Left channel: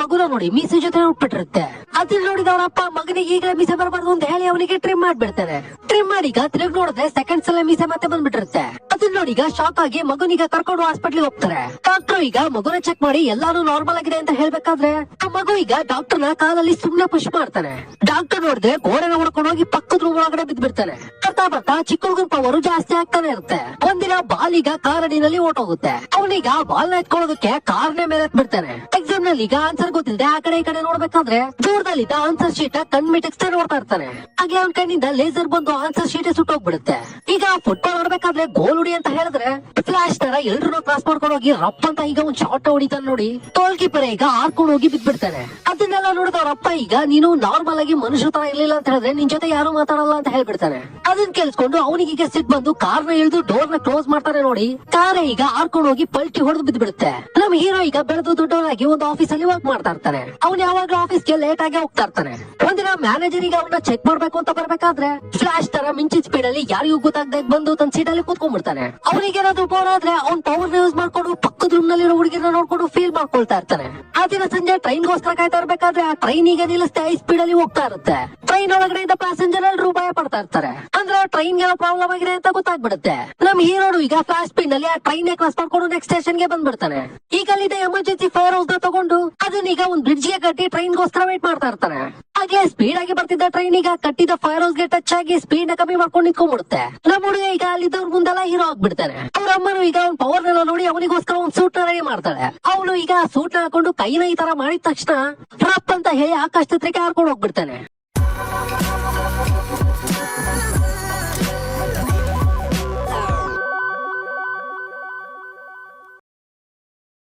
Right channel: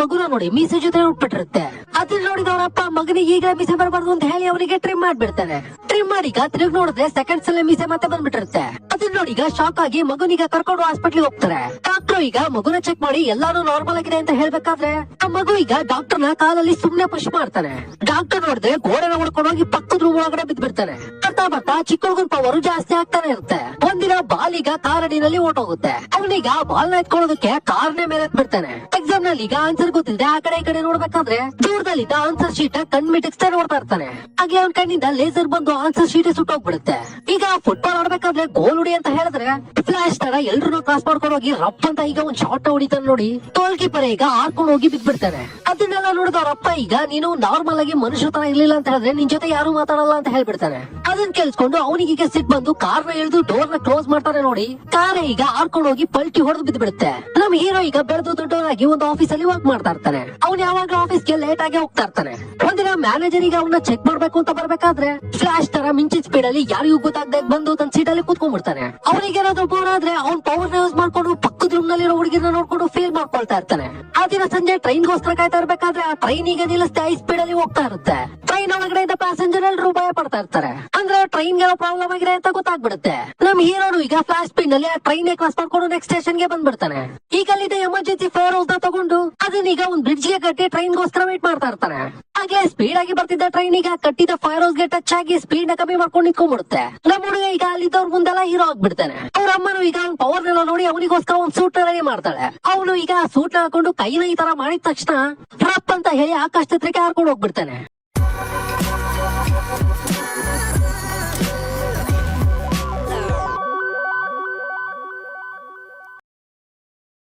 ಮಗುನ ನೋಡಿ ಮೀಸೆ ಜೊತೆ ಉಟ್ಬಿಟ್ಟಿರುತ್ತೆ. ಅದನ್ನ ನೋಡಿದ ಅವ್ರ ಅಪ್ಪ ಮಗನಿಗೆ ಈಗ ಮೀಸೆ ಬರಬಾರ್ದು ಅಂತ ಹೇಳಿ ಅವನಿಗೆ ಟ್ರಿಮ್ ಮಾಡ್ಬಿಡ್ತಾನೆ. ಟ್ರಿಮ್ ಮಾಡಿ ತಿರುಗಿ ನೋಡಿದ್ರೆ ಸೆಕೆಂಡ್ಸ್ ಅಲ್ಲೇ ಮೀಸೆ ಮತ್ತೆ ಬಂದ್ಬಿಟ್ಟಿರುತ್ತೆ. ಅದನ್ನ ನೋಡಿ ಈಗ ಶಾಕ್ ಆಗಿ ಮಗುನಿಗೆ ಕರ್ಕೊಂಡು ಹಾಸ್ಪಿಟ್ಲಿಗೆ ಹೋಗ್ತಾರೆ. ಡಾಕ್ಟರ್ ಈಗ ಮಗುನ ಚೆಕ್ ಮಾಡಿ ಎಲ್ಲಾರು ನಾರ್ಮಲ್ ಆಗಿದೆ ಅಂತ ಹೇಳ್ಬೇಕಾದ್ರೆ ಆ ಮಗು ಈಗ ಡಾಕ್ಟರ್ ನ ಕಾಲಲ್ಲಿ ಸುಮ್ನೆ ಪುಷ್ ಮಾಡ್ತಾನೆ. ಡಾಕ್ಟರ್ ನೋಡಿದ್ರೆ ಗೋಡೆನ ಹುಡ್ಕೊಂಡು ಹೋಗಿ ಪಕ್ಕದ ರೂಮ್ ಒಳಗಡೆ ಬಿದ್ಬಿಡ್ತಾನೆ. ಬರ್ತಾ ಬರ್ತಾ ಚಿಕ್ಕ ಹುಡುಗನ ಪವರ್ ಜಾಸ್ತಿ ಆಗ್ತಾನೆ ಇರುತ್ತೆ. ಒಂದಿನ ಬಾಲ್ ಈಗ ಕಾರಡಿನಲ್ಲಿ ಓಟೋಗುತ್ತೆ. ಅವನೀಗ ಬಾಲ್ ನ ಎತ್ಕೊಳ್ಳೋದಕ್ಕೆ ಕಾರ್ನೆ ಮೇಲೆ ಬಿಡ್ತಾನೆ. ಎಕ್ಸಾಮ್ ನಲ್ಲಿ ಈಗ ಆನ್ಸರ್ ಗೊತ್ತಿಲ್ಲದೆ ಆ ಕಡೆ ಈ ಕಡೆ ನೋಡ್ಬೇಕಾದ್ರೆ ದೂರದಲ್ಲಿದ್ದ ಆನ್ಸರ್ ಶೀಟ್ ಕಣ್ ಮಿಟಕ್ಸ್ತಾ ನೋಡ್ತಾ ಇರ್ತಾನೆ. ಹಾಗೆ ಅವನ ಕಣ್ಣಿಂದ ಲೇಸರ್ ಬಂದು ಆನ್ಸರ್ ಶೀಟ್ ಸುಟ್ಟೋಗ್ಬಿಡುತ್ತೆ. ಈಗ ಫುಟ್ಬಾಲ್ ಆಡ್ಬೇಕಾದ್ರೆ ಗೋಲ್ ಹೊಡಿ ಅಂತ ಹೇಳಿದ್ರೆ ಫ್ಲಾಶ್ ತರ ಎಲ್ರು ಕ್ರಾಸ್ ಮಾಡ್ಕೊಂಡು ಹೋಗಿ ರಪ್ ಅಂತ ಈಗ ಒಂದ್ ಶಾಟ್ ಹೊಡಿತಾನೆ ನೋಡಿ. ಗೋಲ್ ಕೀಪರ್ ಈಗ ಹಾರ್ಕೊಂಡು ಹೋಗಿ ಬಿದ್ಬಿಡ್ತಾನೆ. ಅದನ್ನೆಲ್ಲ ನೋಡಿದ ಅವ್ರಪ್ಪ ಈಗ ನೀನು ನಾರ್ಮಲ್ ಆಗಿ ಮನುಷ್ಯ ತರ ಇರ್ಲಿಲ್ಲ ಅಂತ ಹೇಳಿದ್ರೆ ನಿನ್ ಜೊತೆ ಯಾರು ಮಾತಾಡಲ್ಲ ಅಂತ ಹೇಳ್ಬಿಡ್ತಾನೆ. ಅದನ್ನ ಕೇಳಿಸ್ಕೊಂಡು ಅವನಿಗೆ ಈಗ ಸಿಟ್ ಬಂದು ಕಾರ್ ನ ಇಳಿದು ಡೋರ್ ನ ಕ್ಲೋಸ್ ಮಾಡ್ತಾನೆ ನೋಡಿ. ಕಾರೇ ಈಗ ಹಾರ್ಕೊಂಡು ಹೋಗಿ ಪಲ್ಟಿ ಹೊಡೆದು ಬಿದ್ದು ಬಿಡುತ್ತೆ. ನಮ್ಮ ಹೀರೋ ಈಗ ಬೆಳೆದು ದೊಡ್ಡವರಾಗಿ ಒಂದು ಆಫೀಸ್ ಅಲ್ಲಿ ವರ್ಕ್ ಮಾಡ್ತಾ ಇರ್ತಾನೆ. ಅವ್ನು ಯಾವಾಗ ಆಫೀಸ್ಗೆ ಲೇಟ್ ಆಗಿ ಹೋಗ್ತಾ ಇರ್ತಾನೆ. ಒಂದಿನ ಮ್ಯಾನೇಜರ್ ಈಗ ಅವನ್ನ ಚೆಕ್ ಮಾಡ್ಬೇಕು ಅಂತ ಬರ್ಬೇಕಾದ್ರೆ ಫ್ಲಾಶ್ ತರ ಮಿಂಚಿನ ಸ್ಪೀಡ್ ಅಲ್ಲಿ ಯಾರಿಗೂ ಗೊತ್ತಾಗ್ದಾಗ ಬಂದು ತನ್ನ ಸೀಟ್ ಅಲ್ಲಿ ಕೂತ್ಕೊಂಡ್ಬಿಡ್ತಾನೆ. ಅವನಿಗೆ ಏನಾದ್ರು ಬೋರ್ ಆದ್ರೆ ಅವ್ನ್ ಪವರ್ ಯೂಸ್ ಮಾಡ್ಕೊಂಡು ಪಕ್ಕದ ರೂಮ್ ನಲ್ಲಿರೋ ಹುಡುಗಿನ ನೋಡ್ಕೊಂಡು ಫೀಲ್ ಮಾಡ್ಕೊಳ್ತಾ ಇರ್ತಾನೆ. ಆ ದಿನ ಸಂಜೆ ಟ್ರೈನ್ ಗೋಸ್ಕರ ಕಾಯ್ತಾ ಇರ್ಬೇಕಾದ್ರೆ ಆ ಟ್ರೈನ್ ಈಗ ನಿಲ್ಲಿಸ್ತಾ ಹೈ ಸ್ಪೀಡ್ ಅಲ್ಲಿ ಹೋಗ್ತಾ ಇರುತ್ತೆ. ಟ್ರೈನ್ ಒಳಗಡೆ ಇದ್ದ ಪ್ಯಾಸೆಂಜರ್ ಎಲ್ಲರೂ ಭಯ ಪಡ್ತಾ ಇರ್ತಾರೆ. ಅಂದ್ರೆ ಟ್ರೈನ್ ಗೆ ಪ್ರಾಬ್ಲಮ್ ಆಗಿದೆ ಅಂತ ಗೊತ್ತಾಗ್ಬಿಡುತ್ತೆ. ನಮ್ ಹೀರೋನು ಈಗ ಫ್ಲಾಶ್ ಸ್ಪೀಡ್ ನಲ್ಲಿ ಆ ಟ್ರೈನ್ ಕ್ರಾಸ್ ಮಾಡ್ಕೊಂಡು ನೆಕ್ಸ್ಟ್ ಸ್ಟೇಷನ್ ಗೆ ಬಂದ್ಬಿಡ್ತಾನೆ. ಈಗ ಅಲ್ಲಿದ್ದ ಎಮರ್ಜೆನ್ಸಿ ಫೈರ್ ಹೌಸ್ ನ ತಗೊಂಡು ಅದನ್ನೀಗ ಒಂದ್ ಬ್ರಿಡ್ಜ್ ಗೆ ಕಟ್ಟಿ ಟ್ರೈನ್ ಗೋಸ್ಕರ ವೇಟ್ ಮಾಡ್ತಾ ಇರ್ತಾನೆ. ಆಗ್ಲೇ ಸ್ಪೀಡ್ ಆಗಿ ಬರ್ತಿದ್ದ ಟ್ರೈನ್ ಈಗ ಕಟ್ಟಿದ ಫೈರ್ ಹೌಸ್ ಗೆ ಟಚ್ ಆಗಿ ಸ್ಪೀಡ್ ನ ಕಮ್ಮಿ ಮಾಡ್ಕೊಂಡು ನಿಂತ್ಕೊಂಡ್ಬಿಡುತ್ತೆ. ನಮ್ಮ ಹುಡುಗ ಈಗ ಅಲ್ಲಿದ್ದವ್ರ ಮುಂದೆಲ್ಲ ಹೀರೋ ಆಗ್ಬಿಡ್ತಾನೆ. ಅವ್ರ ಅಮ್ಮನು ಈಗ ಅವ್ನ ಪವರ್ ನೆಲ್ಲ ನೋಡಿ ಅವನಿಗೋಸ್ಕರ ಒಂದ್ ಸೂಟ್ ರೆಡಿ ಮಾಡ್ತಾಳೆ. ಅವನು ಈಗ ಸೂಟ್ ಹಾಕೊಂಡು ಕೈನ ಈ ತರ ಮಾಡಿದ ತಕ್ಷಣ ರಪ್ ಅಂತ ಹೇಳಿ ಆಕಾಶ ಚಿತ್ರಕ್ಕೆ ಹಾರ್ಕೊಂಡು ಹೋಗ್ಬಿಡ್ತಾನೆ.